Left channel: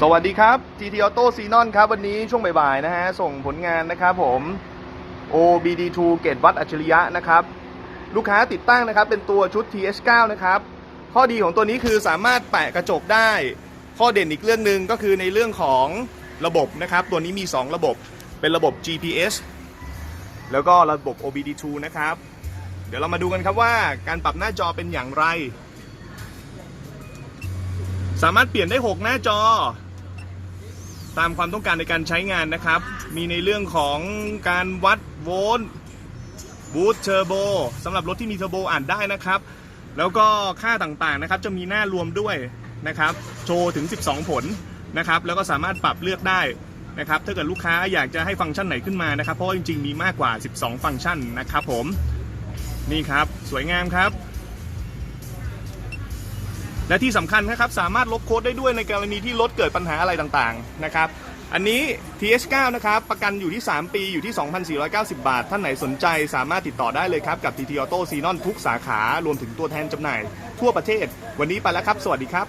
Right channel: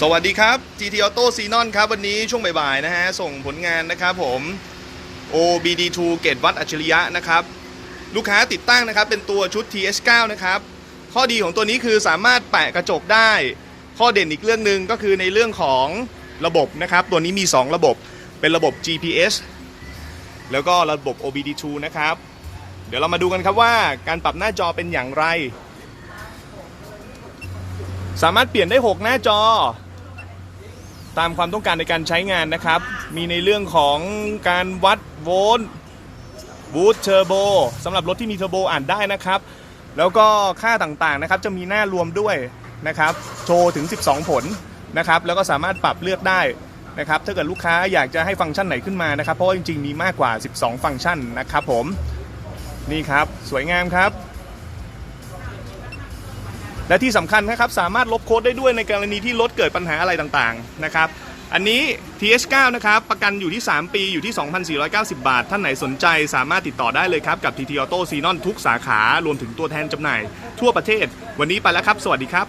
สวัสดีครับ GT Auto Xenon ครับ วันนี้ช่วงบ่ายๆนะฮะ ส่งผลงานนะครับผม OBD2 เกตวัดอัจฉริยะนะครับ ลูกค้าติดตั้งนะครับ เป็นตัวชุด TS9 นะครับ ข้อดีของตัวนี้คือสามารถแปะกระจกได้ ข้อเด่นอีกเรื่องหนึ่งก็คือในเรื่องของระบบนะครับ ตัวนี้มี 2 ระบบเป็นระบบ GPS แล้วก็ระบบ OBD2 นะครับ เดี๋ยวเรามาดูกันครับว่าการปรับหน้าจอเป็นอย่างไร สามารถเปลี่ยนได้ 6 หน้าจอ ตามความต้องการในการใช้งานนะครับ มีในเรื่องของการวัดโวลต์บูสต์เทอร์โบสำหรับรถที่มีเทอร์โบอ่านได้นะครับ แล้วก็ค่าต่างๆนะครับจะมีหน้ารวมด้วยนะครับ โชว์ถึง 12 ผลนะครับ แล้วก็สามารถปรับเลือกได้นะครับ ถ้าเกิดลูกค้าอยากจะให้ฟังก์ชันไหนขึ้นมานะครับ เพราะจริงๆมีมากกว่า 12 ฟังก์ชันนะครับผม นี่ครับ สวยงามครับ และที่สำคัญนะครับสามารถลบโค้ดได้ด้วยในกรณีที่รถเกิดปัญหาอะไรต่างๆนะครับอันนี้ TH9 นะครับ ประกันอยู่ที่ 3 ปีอยู่ที่ 2,490 บาท ท่านไหนสนใจสามารถติดต่อได้เลยครับ กับ TT Auto Xenon ทุกสาขารวมถึงตัวแทนจำหน่าย ทั่วประเทศ วันนี้ไปแล้วครับ สวัสดีครับ